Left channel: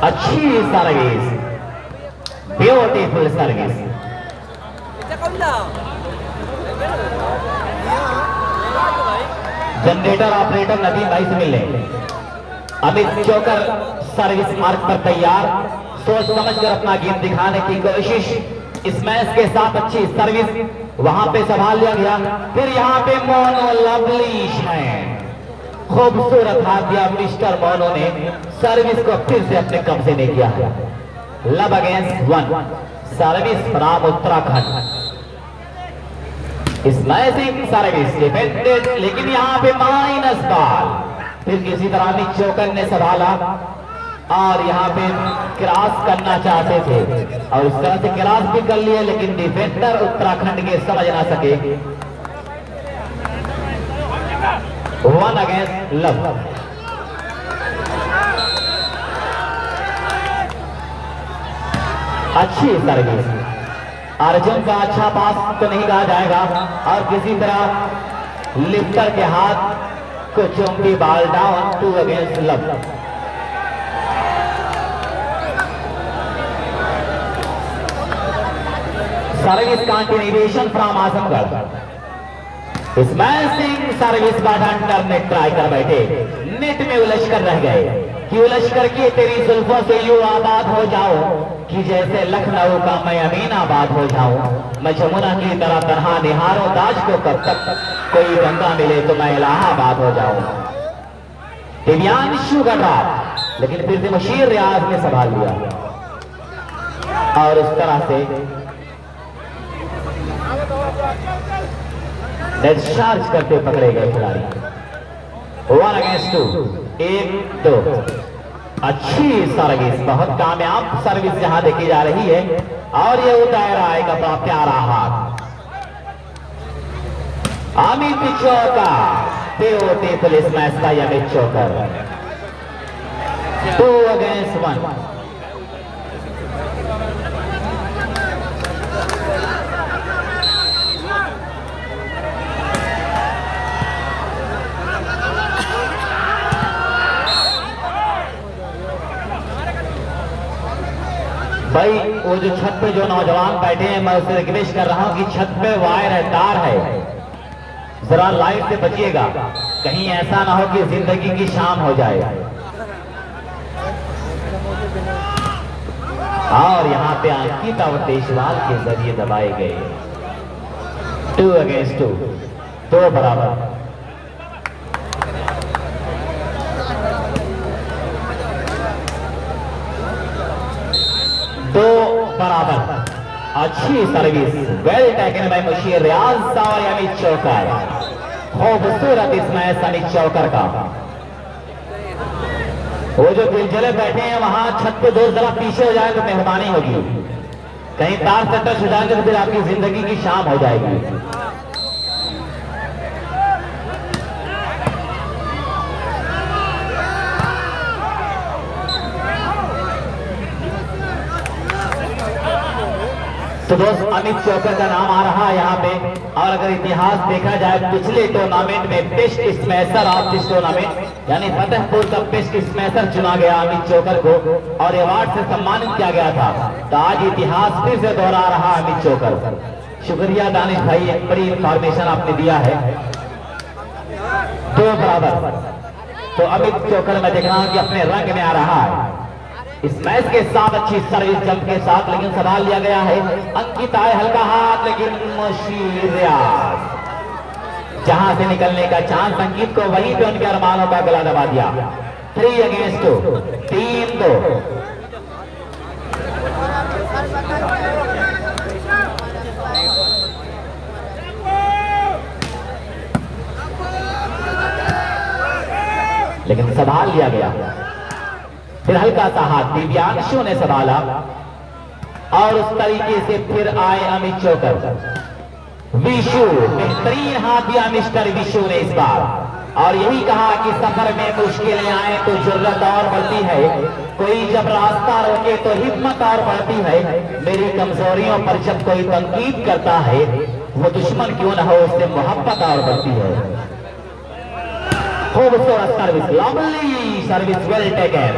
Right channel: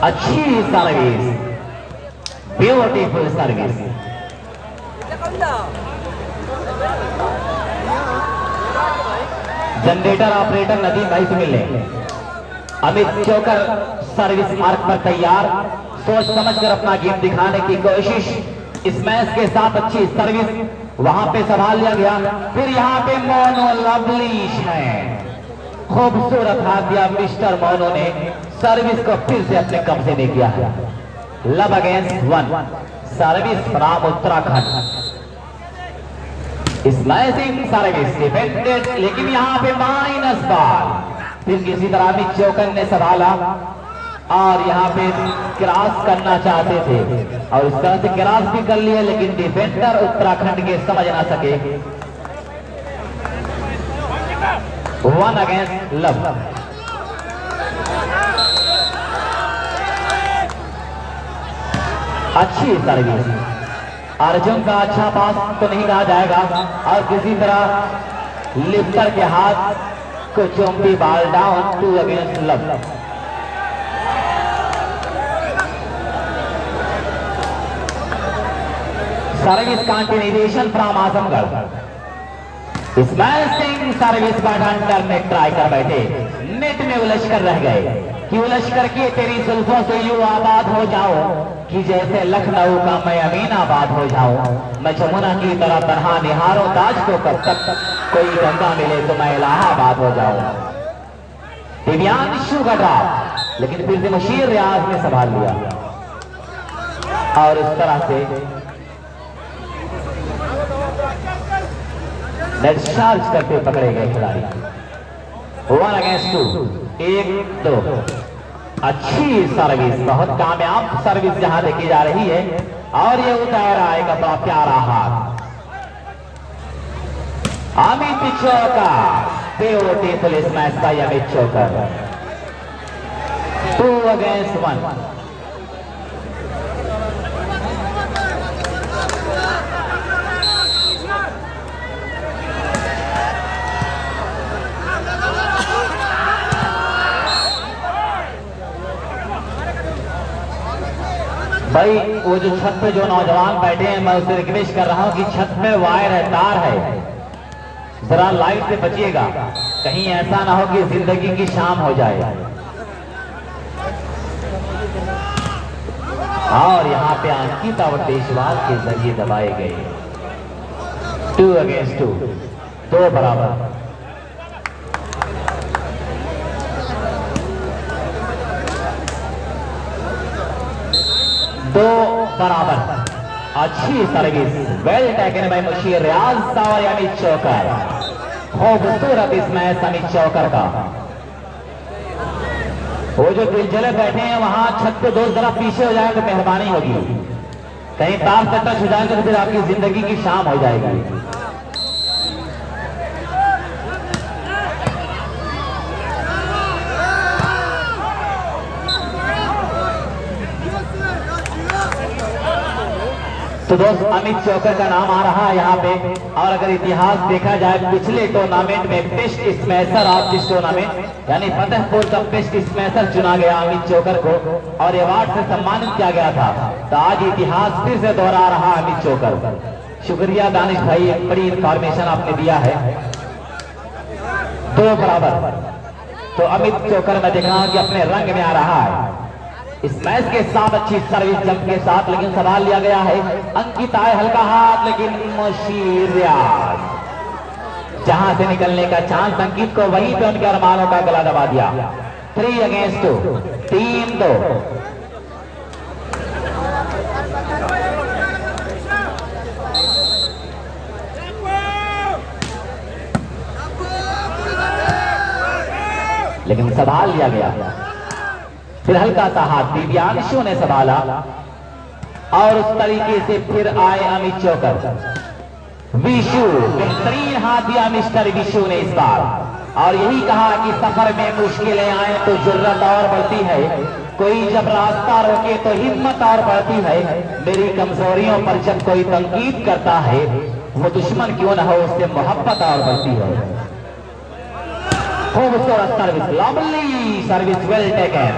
अच्छी service, beautiful service. Generator operator Nadeem भाई से मिले। अमित चोकर सर्विस मार्क पर तैयार, सोच समझकर अपना गेम दिखाने की कोशिश। इस मैच के साथ अच्छी सर्विस वहां पे संभाल लिया गया। फिर यहाँ पे मोनो लवली है, खूबसूरत हाथ दिया मिस्टर मोनो ने, सर्विस को फिर से अपने कब्जे में किया है। Love against one service from Uttarakhand. Smashing service defended, लेकिन यहाँ पे माइनस बॉल। फिर किसी तरह अमित चोकर ने संभाला और यहाँ पे क्रॉस करना चाहते थे और इस तरह से क्रॉस भी कर लिए, लेकिन डिफेंडर उत्तराखंड के समझ ना सके। One against love. अच्छी सर्विस, अर्जुन का अच्छा पास तो नहीं कहा जाएगा और किसी तरह लिफ्टर के हाथ को चौंकी ball down. 2 against love. Service continuation from Azamgarh. Smashing service बाद अंडर नेट ट्राई कर बैठे, नेट में उलझ कर रह गए कि उलझ कर के तेरी जुल्फों से यूं आबाद हो जाओ कि जैसे लखनऊ का मैं अमीनाबाद हो जाऊं। मैं जमुना की तरह तन्हा निहारो ताज को, कब तक कोई गंगा मिले तो मैं इलाहाबाद हो जाऊं। दिव्यांशु गढ़ा, लेकिन फिर से बशीर रियाज ने संभाल लिया और उस तरह से नेट चार्ज करते पकड़े गए खिलाड़ी। 1 अगेंस्ट 2, 1-2। अच्छी सर्विस, बहुत कामयाब सर्विस जहां देखी जा रही है और ये उतार आएगा बड़ा प्यारा हाथ। अमित चोकर, ब्यूटीफुल स्मैश बाय अमित चोकर। 2 अगेंस्ट 1। भाई वो जो छत पे जो नौजवान बैठे हैं, मैं उससे रिक्वेस्ट कर रहा हूं कि छत पे वायर है, तार है, जरा लाइट से बचिएगा, कहीं ऐसा ना हो कि जिंदगी की शाम हो जाए। और यहाँ पे अंकिता और देशवाल के जरिए दबाए गए। 2 अगेंस्ट 2, 2 बराबर। अच्छी service, well taken by Musheer Riyaz और अमित चोकर। खूबसूरत स्मैश अमित चोकर का। वो जो दिलजले बैठे हैं वहां छत पे 2 जरा पीछे हो जाए तो मेहरबानी होगी, कहीं तार से टच हो जाएगा तो फिर आपकी जिंदगी की शाम हो जाएगी। तो दोस्त अमित चोकर का नाम आ रहा है यहाँ पे। और अगर इतिहास देखा जाए पिछले टूर्नामेंट में best smasher of this tournament यानी फतेहपुर का बेस्ट स्मैशर चुना गया अमित चोकर को और अवार्ड से सम्मानित किया गया था। तो आज इतिहास फिर से दोहरा रहा है अमित चोकर। शुक्रिया दानिश भाई, एक बड़ी इंफॉर्मेशन आपने दिया है। 2 बराबर। तो अमित चोकर मैं देख रहा हूँ कि अपने रंग में आ रहा है। इस मैच के साथ अच्छी सर्विस जंप के साथ, लेकिन संभाल लिया गया है। अंकिता हल्का हाथ, लेकिन मुशीर रियाज जहां से निकलने का चांस अंकित को, वहीं पे उनके अरमानों का गला दबा दिया। 3 अगेंस्ट 2, 3-2। लेकिन संभाल लिया गया। फिर हल्का सा हाथ दिव्यांशु ने संभाला और उस तरीके से फिर आए अमित चोकर। विशु, बेहतरीन हाथ दिया मिस्टर विशु ने इस बार और यही कहा कि सफर में मुश्किलें आए तो जुर्रत और बढ़ती है, कोई जब रास्ता रोके तो हिम्मत और बढ़ती है। मेरी कमजोरियों पर जब कोई तनकीद करता है, वो दुश्मन क्यों न हो, उससे मोहब्बत और बढ़ती है। खूबसूरत service, lovely service, well taken.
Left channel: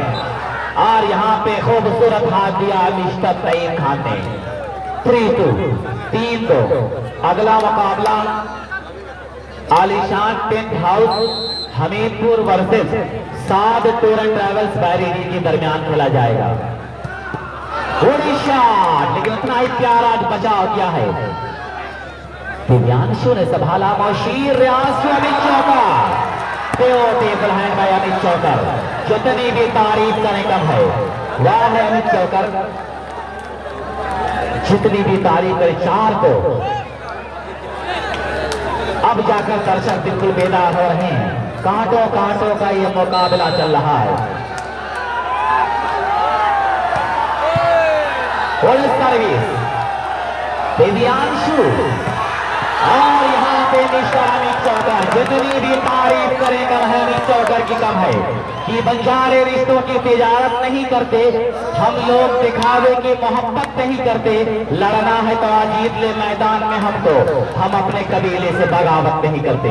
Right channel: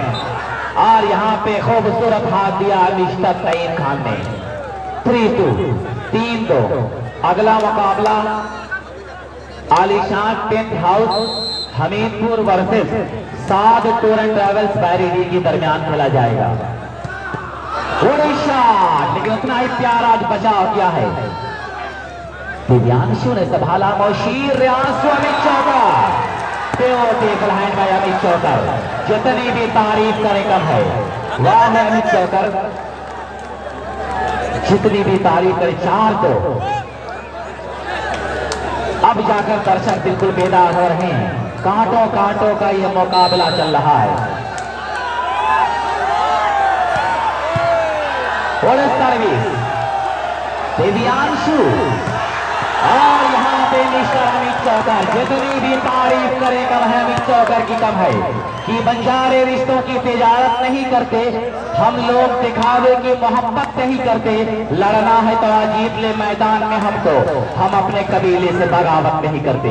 और यहाँ पे खूबसूरत हाथ दिया मिस्टर तईम खान ने। 3-2 3-2। अगला मुकाबला Alishan tent house Hamirpur versus Saad tour and travels बैरिगी के दरमियान खेला जाएगा। उड़ीसा लेकिन उतना ही प्यारा बचाव किया है। दिव्यांशु ने संभाला मौशीर रियाज अमित चौकर। अमित चौकर जितनी भी तारीफ करें कम है। वह है अमित चौकर, जितनी भी तारीफ करें 4 तो अब जाकर दर्शक बिल्कुल बेदार हो रहे हैं। कांटों कांटों का यह मुकाबला चल रहा है। सर्विस दिव्यांशु और यहाँ पे मिस्टर अमित चौकर। जितनी भी तारीफ करें कम है, अमित चौकर की कम है कि बंजारे रिश्तों की तिजारत नहीं करते हम लोग, दिखावे की मोहब्बत नहीं करते। लड़ना है तो आज जीत ले मैदान में हमको, हम अपने कबीले से बगावत नहीं करते।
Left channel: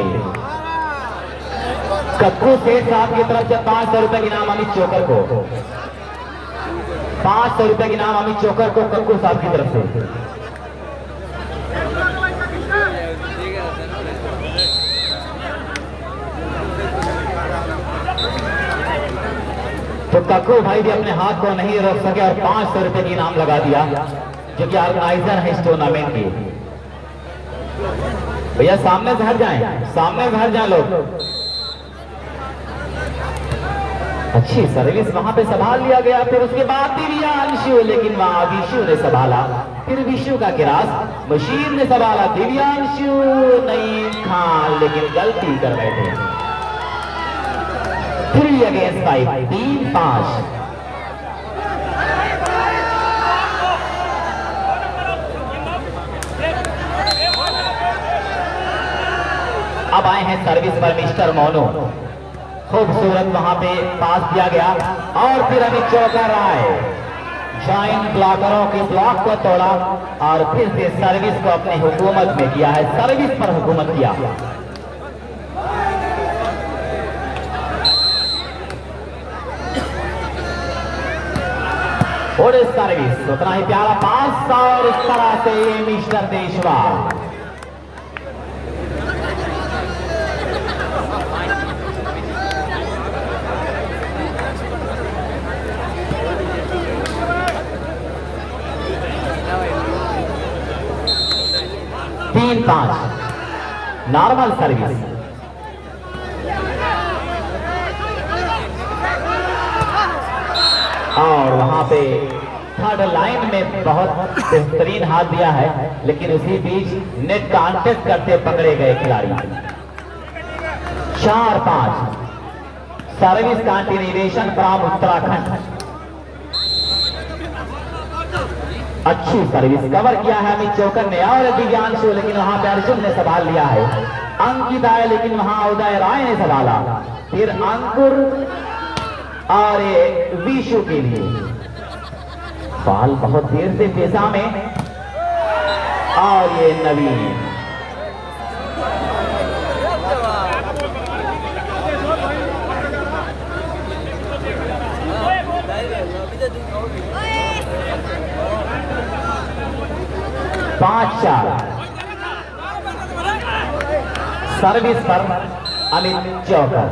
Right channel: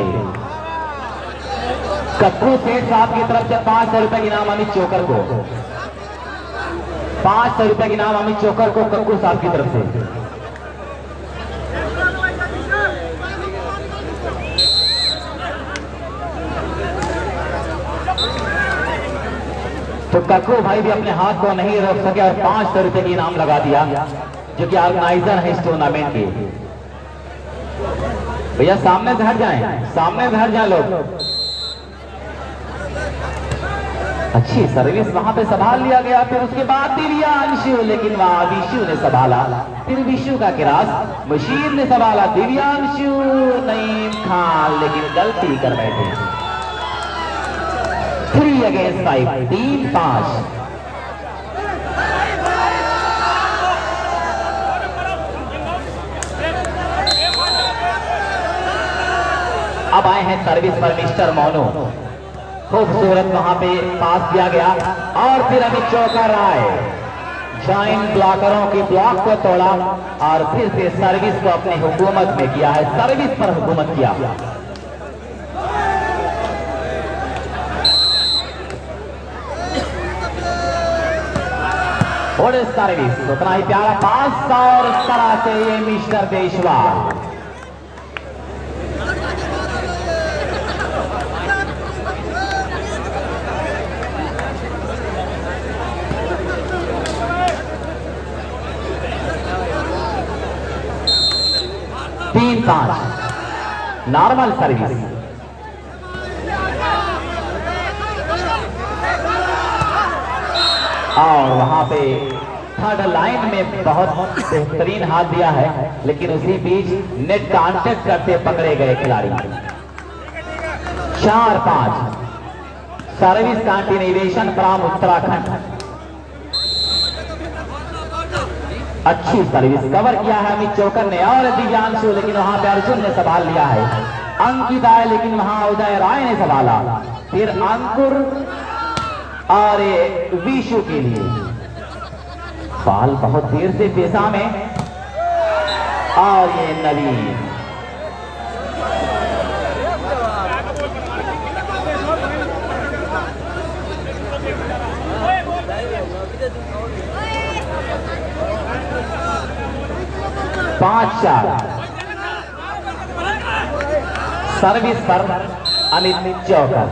कक्कू सेठ साहब की तरफ से 500 रुपए के नाम अमित चौकर को, 500 रुपए के नाम अमित चौकर को कक्कू साहब की तरफ से। तो कक्कू भाई भी अपने हाथ को नहीं रोक सके और 500 रुपए की इनाम लगा दिया, जो कि ऑर्गेनाइजर है इस टूर्नामेंट की। भैया सामने से हट जाएं, सामने से हट जाए लोग। अच्छी सर्विस वहां पे संभाल लिया गया। फिर उसके बाद दिव्यांशु, लेकिन वहां विशु ने संभाला। फिर विशु का गिरास मशीन ने संभाला। दिव्यांशु नईम खान लेकिन गलती कर बैठे। 3 अगेंस्ट 5 3-5। अब आए हैं सर्विस पर मिस्टर मोनू। खूबसूरत वहां पे पास दिया गया और फिर अमित चौकर आए, जाइन ब्लॉकरों के ब्लॉक को तोड़ा और फिर से सर्विस को अपनी हुकूमत में किया है। सर्विस पर हुकूमत किया। और सर्विस उतना ही प्यारा पास और इस तरह से ये मिस्टर देशवाल। तीन 5 नॉर्मल सर्विस। और वहां पे थर्ड लाइन में बहुत बेहतरीन हाथ दिया है, लेकिन उसी बीच नेट कॉन्टेस्ट करते पकड़े गए खिलाड़ी। 4-5 सर्विस कंटिन्यूएशन फ्रॉम उत्तराखंड। अच्छी सर्विस कवर किया है अमित चौकर ने और दिव्यांशु, लेकिन वहां पे अर्जुन ने संभाल लिया है। अंकित आए लेकिन वहां उदय राय ने संभाला। फिर अंकुर और विशु के लिए बाल बहुत देर से पेशा में और ये नवीन। सर्विस पर अमित चौकर।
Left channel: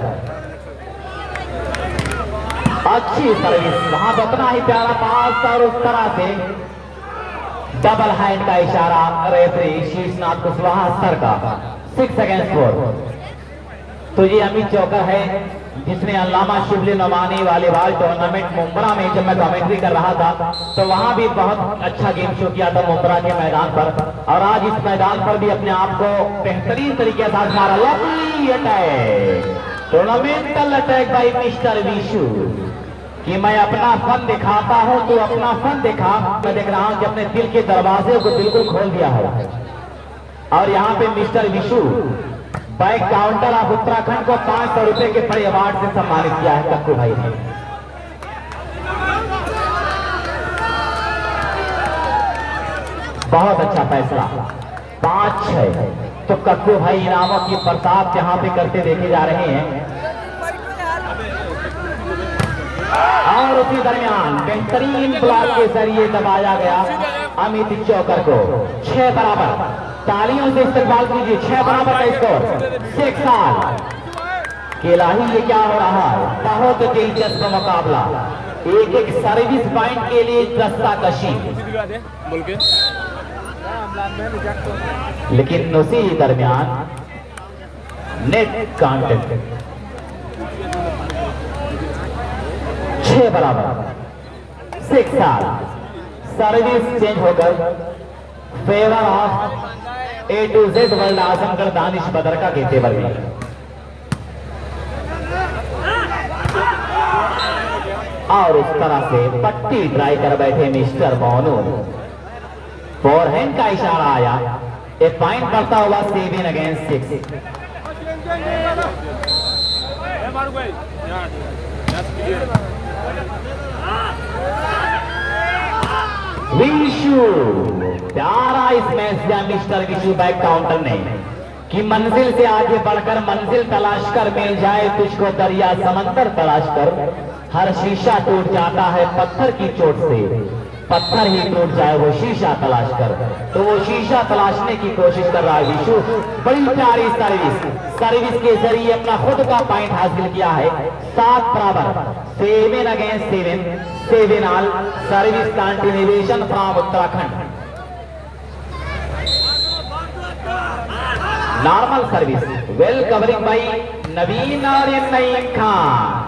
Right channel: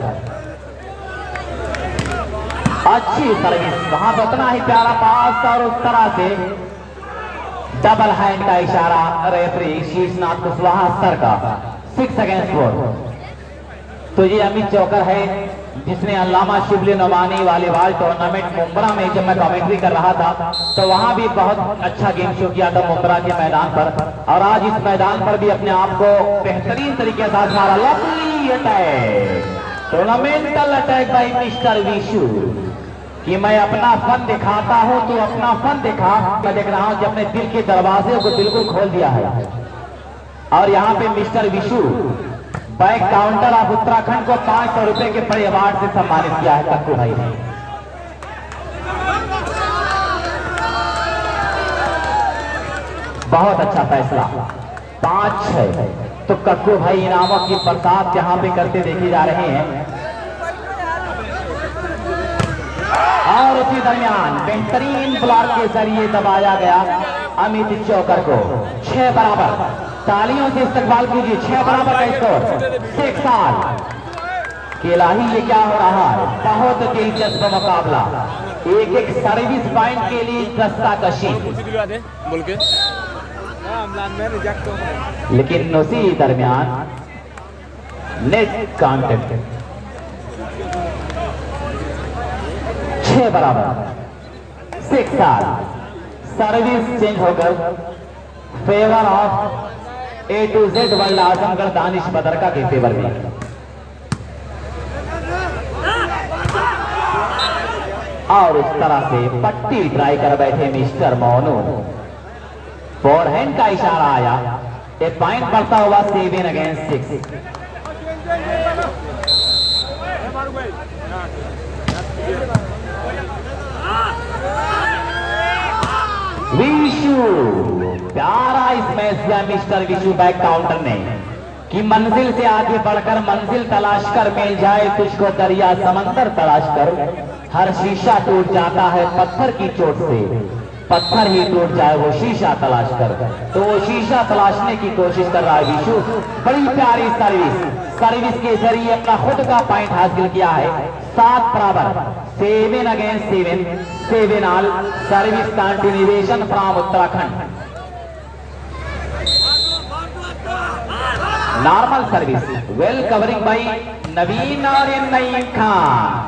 अच्छी सर्विस वहां पर उतना ही प्यारा पास और उस तरह से डबल हैंड का इशारा रेफरी शीशनाथ कुशवाहा सर का। 6 अगेंस्ट 4। तो ये अमित चौकर है जिसने अल्लामा शिबली नवानी वॉलीबॉल टूर्नामेंट मुंब्रा में, जब मैं कमेंट्री कर रहा था तो वहां भी बहुत अच्छा गेम शो किया था मुंब्रा के मैदान पर, और आज इस मैदान पर भी अपने आप को बेहतरीन तरीके से आजमा रहा। लवली अटैक, टूर्नामेंटल अटैक बाय मिस्टर विशु कि मैं अपना फन दिखाता हूं तो अपना फन दिखा। मैं देख रहा हूं कि अपने दिल के दरवाजे को बिल्कुल खोल दिया है। और यहाँ पे mister Vishu back counter of Uttarakhand को 500 रुपए के बड़े अवार्ड से सम्मानित किया है कक्कू भाई ने। बहुत अच्छा फैसला। 5-6 तो कक्कू भाई इनामों की बरसात जहां पे करते देखे जा रहे हैं। और और उसी दरमियान बेहतरीन ब्लॉक के जरिए दबाया गया अमित चौकर को। 6 बराबर, तालियों से इस्तेमाल कीजिए। 6 बराबर का स्कोर। 6 साल केला ही ये क्या हो रहा है, बहुत दिलचस्प मुकाबला। एक एक सर्विस पॉइंट के लिए दस्ता कशी, लेकिन उसी दरमियान नेट कांटेक्ट। 6 बराबर, 6 साल। सर्विस चेंज होकर favour of A to Z world Azamgarh Danish Badarka के फेवर में। और उस तरह से पट्टी ट्राई कर बैठे मिस्टर मोनू। फोरहैंड का इशारा आया। एक पॉइंट पड़ता हुआ 7 अगेंस्ट 6। विशु प्यारा इस मैच दिया मिस्टर विशु बैक काउंटर ने कि मंजिल से आगे बढ़कर मंजिल तलाश कर मिल जाए तुझको दरिया समंदर तलाश कर। हर शीशा टूट जाता है पत्थर की चोट से, पत्थर ही टूट जाए वो शीशा तलाश कर। तो वो शीशा तलाशने की कोशिश कर रहा है विशु। बड़ी प्यारी सर्विस के जरिए अपना खुद का पॉइंट हासिल किया है। 7 बराबर, 7 against 7 all. Service continuation from Uttarakhand. Normal service well covering by Naveen और नईम खान।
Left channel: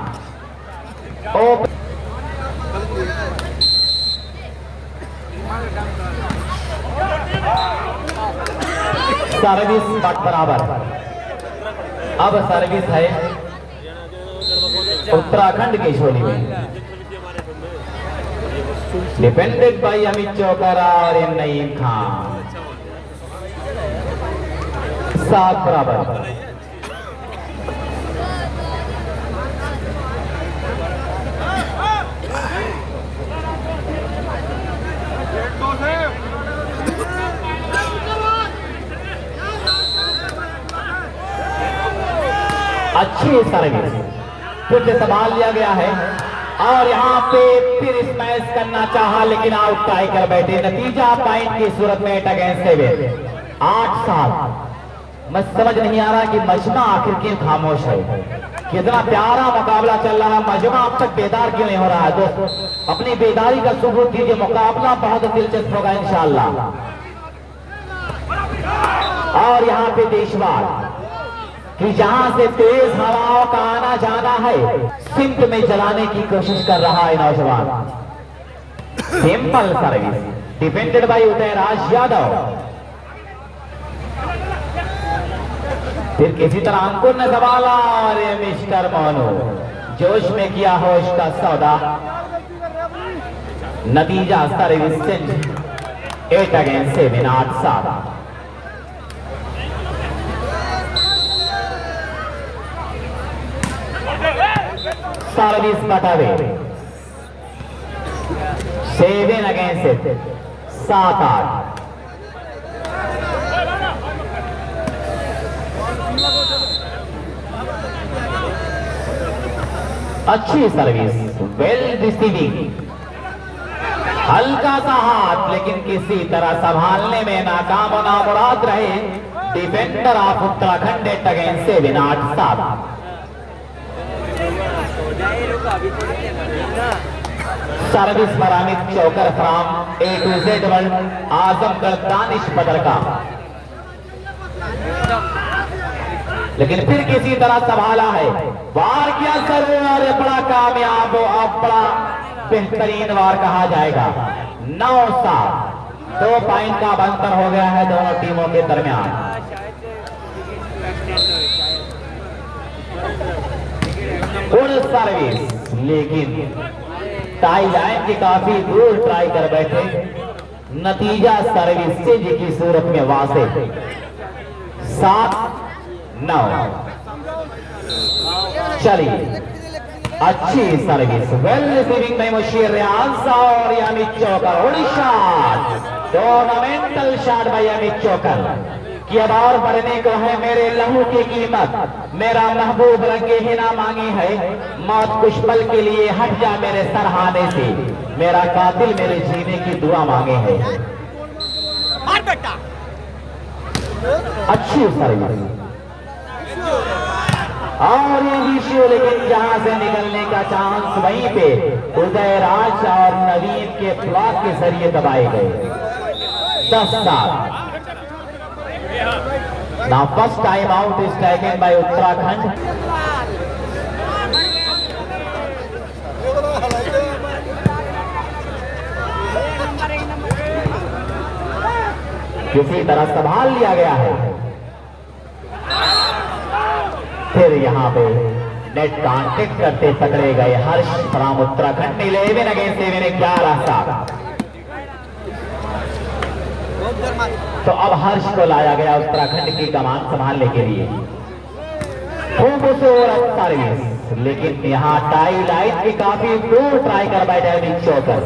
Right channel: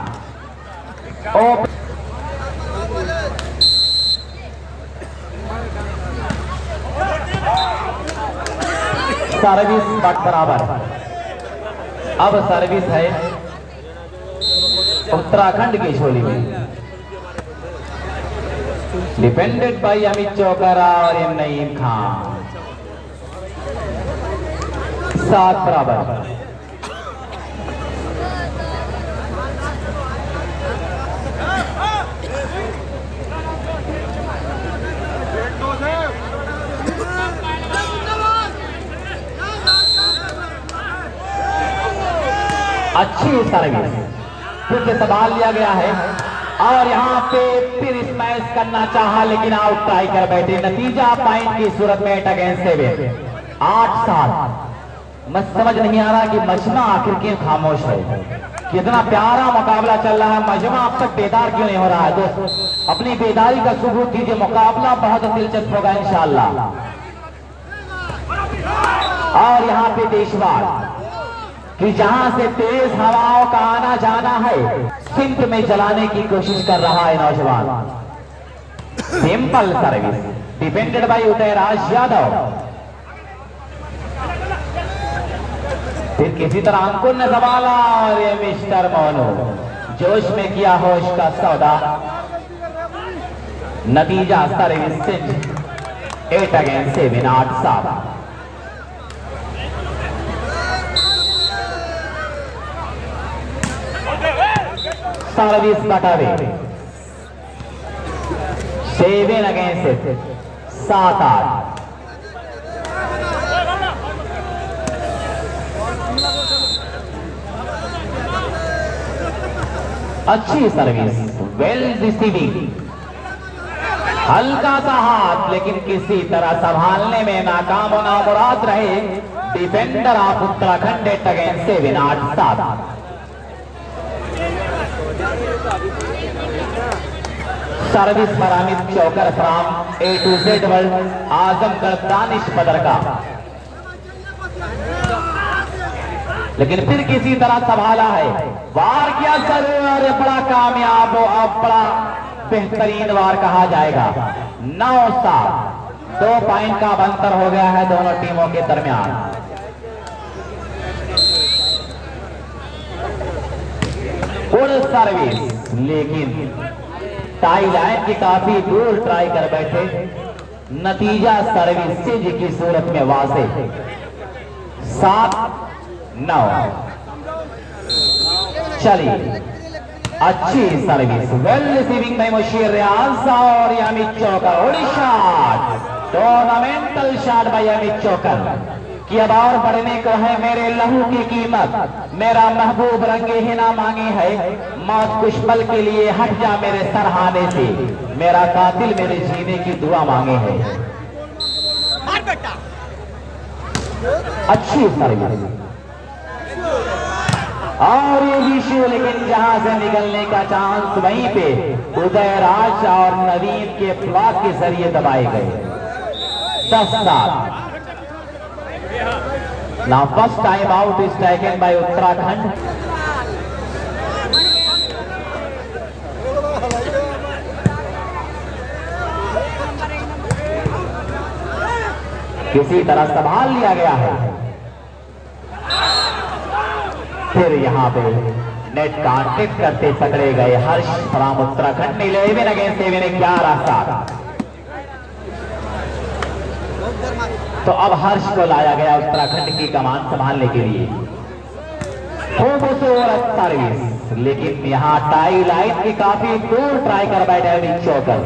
सर्विस बराबर। अब सर्विस है उत्तराखंड की झोली में। डिपेंडेड बाई अमित चौकर और नईम खान। 7 बराबर। अच्छी सर्विस फिर से संभाल लिया गया है और यहाँ पे फिर स्मैश करना चाहा लेकिन आउट ट्राई कर बैठे। नतीजा पॉइंट की सूरत में 8 अगेंस्ट 7। 8-7। मैं समझ नहीं आ रहा कि मजमा आखिर क्यों खामोश है। कितना प्यारा मुकाबला चल रहा है, मजमा अब तक बेदार क्यों नहीं हो रहा है। दोस्त अपनी बेदारी का सबूत दीजिए। मुकाबला बहुत दिलचस्प होगा इंशाअल्लाह। और यहाँ पे देशवार कि जहां से तेज हवाओं का आना जाना है सिंध में जलाने की कोशिश कर रहा है नौजवान। Simple service defended bye Udayraj Yadav. फिर किसी तरह अंकुर ने संभाला और ये मिस्टर मोनू जोश में किया होश का सौदा। नतीजा सर्विस चेंज 8 अगेंस्ट 7। 8-7। सर्विस बटावे 7 अगेंस्ट 7-8। अच्छी सर्विस वेल रिसीविंग। हल्का सा हाथ लेकिन किसी तरह संभालने में नाकाम और नामुराद रहे defender of Uttarakhand. 8 against 7। 8-7। Service पर Amit Chokar from A to Z world Azamgarh Danish Badarka. लेकिन फिर किसी तरह संभाला है, वार किया जरूर और ये बड़ा कामयाब और बड़ा बेहतरीन वार कहा जाएगा। 9-7। 2 पॉइंट का अंतर हो गया है दोनों टीमों के दरमियान। और सर्विस लेकिन टाई लाइन की काफी दूर ट्राई कर बैठे। नतीजा सर्विस चेंज की सूरत में वासे 7-9। चलिए अच्छी सर्विस वेल रिसीविंग में मुशीर रियाज और अमित चौकर। टूर्नामेंटल शॉट बाय अमित चौकर। कि अब और बढ़ने को है मेरे लहू की कीमत, मेरा महबूब रंगे ही ना मांगी है, मौत कुछ पल के लिए हट जा मेरे सरहाने से, मेरा कातिल मेरे जीने की दुआ मांगे है। अच्छी सर्विस और ये विषय, लेकिन जहां से निकलने का चांस वहीं पे उदयराज और नवीन के फ्लॉक के जरिए दबाए गए। 10-7। Now first time out is taken by Uttarakhand. किसी तरह संभाल लिया गया है। फिर यहाँ पे नेट कांटेक्ट करते पकड़े गए हर्ष फ्रॉम उत्तराखंड। 11 अगेंस्ट 7, 11-7। तो अब हर्ष को लाया गया उत्तराखंड की कमान संभालने के लिए। खूब सर्विस, लेकिन यहाँ टाई लाइन की काफी दूर ट्राई कर बैठे अमित चौकर।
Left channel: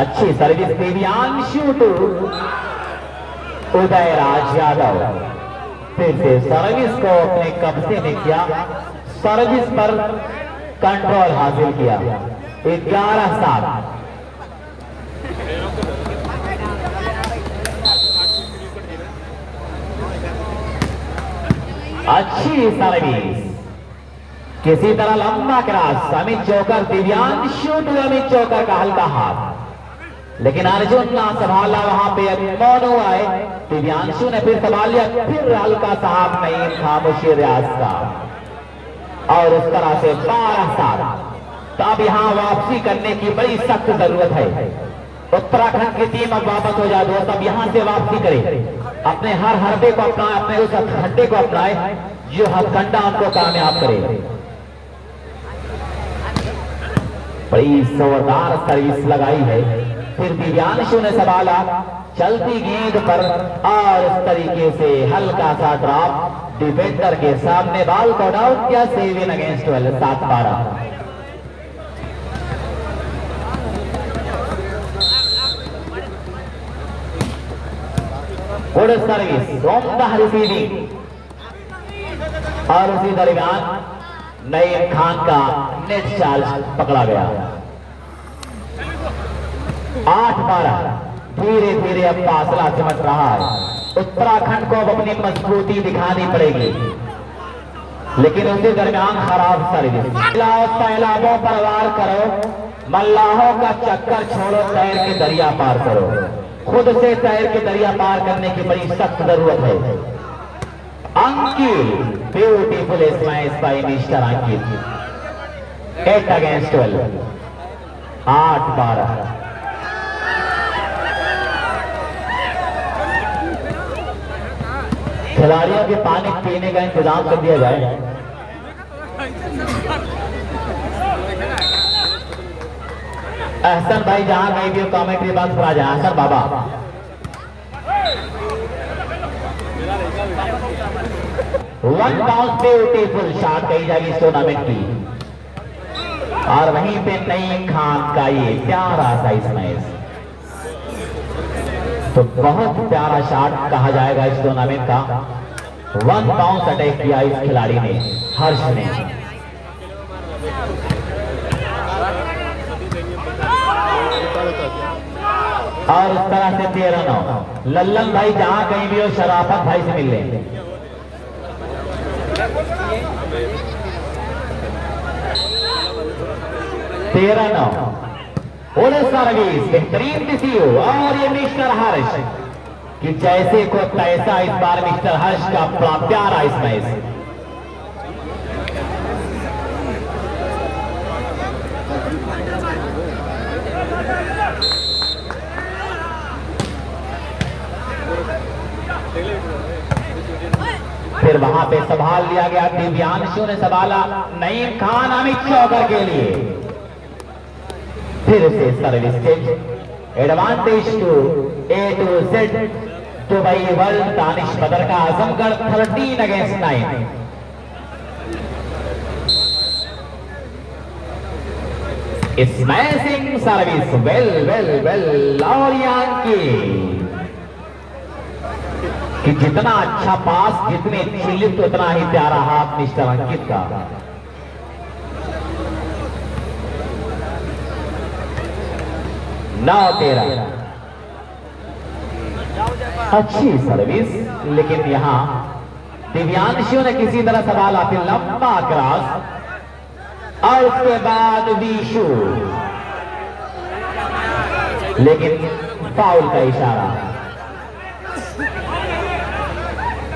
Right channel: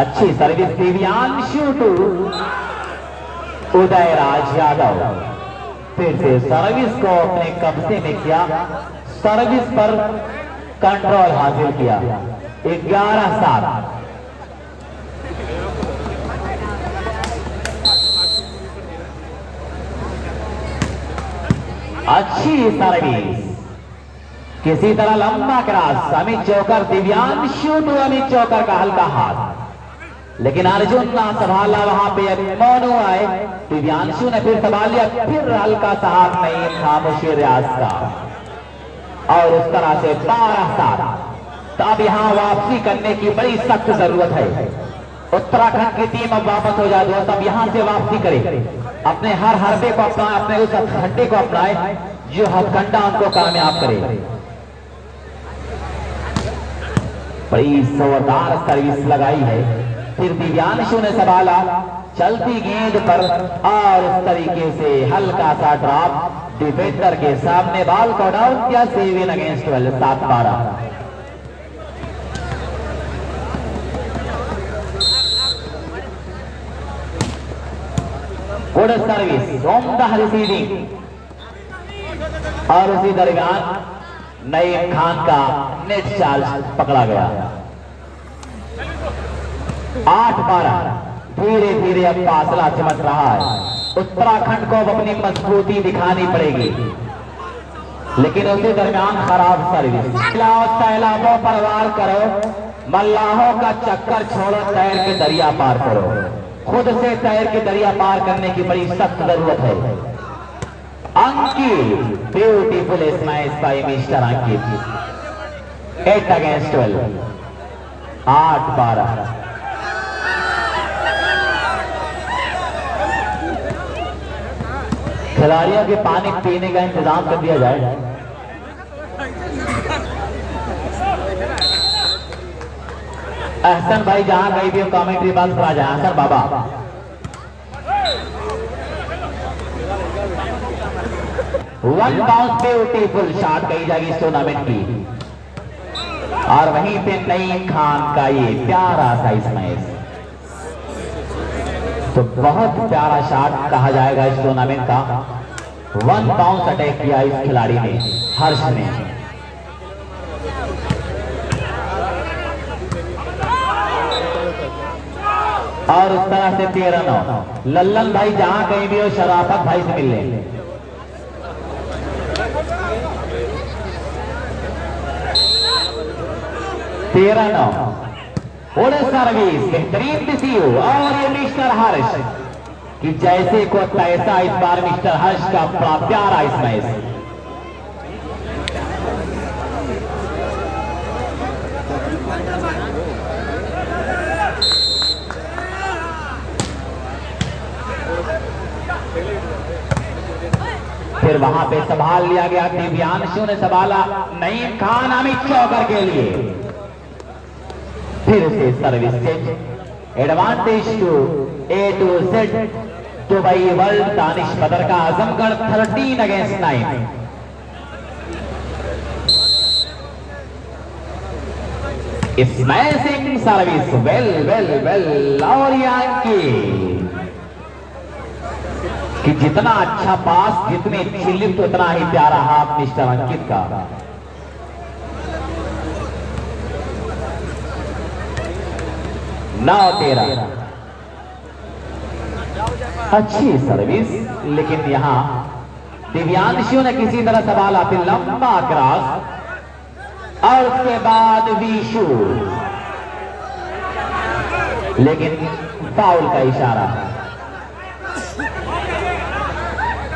अच्छी सर्विस दिव्यांशु टू उदयराज यादव। फिर से सर्विस को अपने कब्जे में किया, सर्विस पर कंट्रोल हासिल किया। 11-7। अच्छी सर्विस, किसी तरह लंबा cross, Amit Chaukar Divyanshu to Amit चौकर का हल्का हाथ, लेकिन अर्जुन ना संभाला। वहां पे मोनू आए, दिव्यांशु ने फिर संभाल लिया, फिर हल्का सा हाथ नहीं था मुशीर रियाज का, और उस तरह से 12-7। तो अब यहाँ वापसी करने की बड़ी सख्त जरूरत है। उत्तराखंड की टीम अब वापस हो जाए दोस्त, अब यहाँ से वापसी करे, अपने हर हरबे को अपनाए, अपने उस हड्डे को अपनाए जो हथकंडा उनको कामयाब करे। बड़ी जोरदार सर्विस लगाई है। फिर दिव्यांशु ने संभाला चलती गेंद पर, और उस तरीके से हल्का सा ड्रॉप डिफेंडर के सामने, बॉल को आउट किया। 7 against 12, 7-12। Good service from the receiving, और उसी दरमियान नईम खान का नेट चार्ज पकड़ा गया। 8-12। धीरे धीरे अब फासला सिमट रहा है। उत्तराखंड को अब अपनी मजबूती दिखानी पड़ेगी, लेकिन उसी दरमियान खराब सर्विस। सैलाबों पर वार करो, मल्लाहों का चक्कर छोड़ो, तैर के दरिया पार करो। खुद से तैर के दरिया पार करने की बड़ी सख्त जरूरत है। अंकित, ब्यूटीफुल स्मैश बाय मिस्टर अंकित। 8 अगेंस्ट 12, 8-12। खिलाड़ियों के पानी पीने का इंतजाम कर दिया जाए। अहसन भाई जहां गई भी कमेंट्री बात पर आ जाए। अहसन बाबा, वन बाउंस ब्यूटीफुल शॉट कही जाएगी इस टूर्नामेंट की, और वहीं पे नईम खान का ये प्यारा सा स्मैश, तो बहुत प्यारा शॉट कहा जाएगा इस टूर्नामेंट का। 1 बाउंस अटैक किया इस खिलाड़ी ने, हर्ष ने। और उस तरह से 13-9। लल्लन भाई जहां कहीं भी हो शराफत भाई से मिल ले। सर्विस बेहतरीन रिसीव, और ये मिस्टर हर्ष कि जैसे को तैसा इस बार मिस्टर हर्ष का बड़ा प्यारा स्मैश। फिर वहां पे संभाल लिया गया, दिव्यांशु ने संभाला, नईम खान अमित चौकर के लिए। फिर से service change, advantage to A to Z Dubai world Danish Badar का Azamgarh 13 against 9। Smashing service, well well well. और यानी कि जितना अच्छा पास, जितने चिल्लित उतना ही प्यारा हाथ मिस्टर अंकित का। नौ 13 अच्छी सर्विस, लेकिन यहां दिव्यांशु ने किसी तरह सवाला, फिर लंबा क्रॉस और उसके बाद विशु, लेकिन फाउल का इशारा।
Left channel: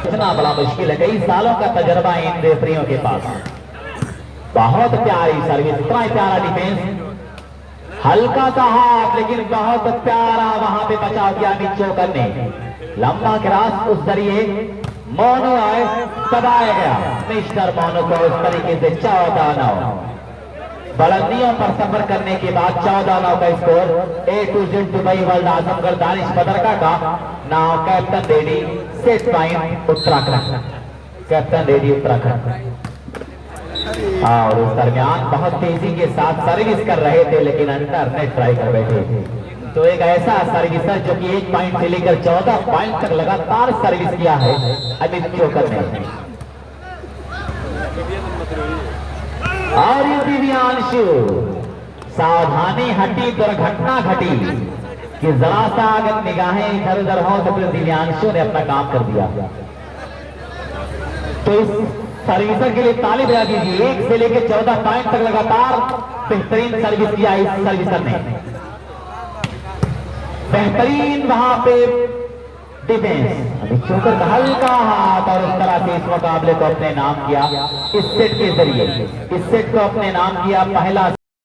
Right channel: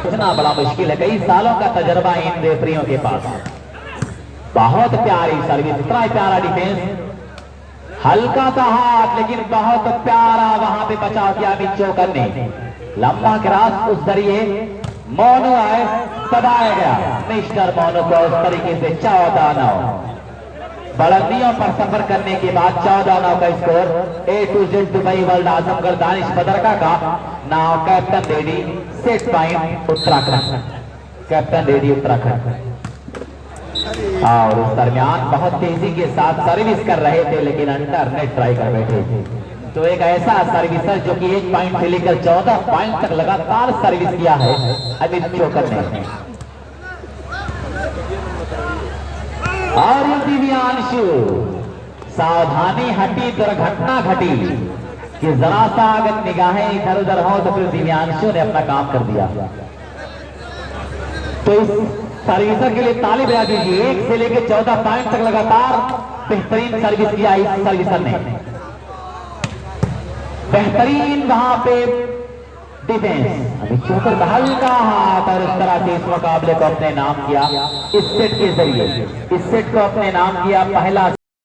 इतना बड़ा मुश्किल है, कई सालों का तजर्बा इन रेफरियों के पास। बहुत प्यारी सर्विस, इतना प्यारा डिफेंस, हल्का सा हाथ लेकिन बहुत प्यारा वहां पे बचाव किया चौकर ने। लंबा क्रॉस, उस जरिए मोनो आए, दबाया गया मिस्टर मोनो को उस तरीके से 14-9। बुलंदियों पर सफर करने के बाद 14-9 का score. A to Z Dubai world Azamgarh Danish Badarka का नाम captain ready, set point Uttarakhand, captain ready Uttarakhand. और उस दरमियान बहुत तेजी के साथ सर्विस कर रहे थे, लेकिन अंडर नेट ट्राई कर बैठे थे। तो एक ऐसा सर्विसर जो कि 1 पॉइंट से लेकर 14 पॉइंट तक लगातार सर्विस किया है अमित चोकर ने। और दिव्यांशु, सावधानी हटी, दुर्घटना घटी कि जरा सा अगर निगाहें इधर उधर हो तो फिर दिव्यांशु ने अपना काम कर दिया। तो इस सर्विसर के लिए ताली बजा दीजिए। 1 से लेकर 14 पॉइंट तक लगातार बेहतरीन सर्विस किया इस सर्विसर ने। बेहतरीन वहां पे डिफेंस। अभी चोकर का हल्का हाथ, और इस तरह से इस मुकाबले को अपने नाम किया, इस सेट के जरिए इस सेट को अपने नाम किया। पहला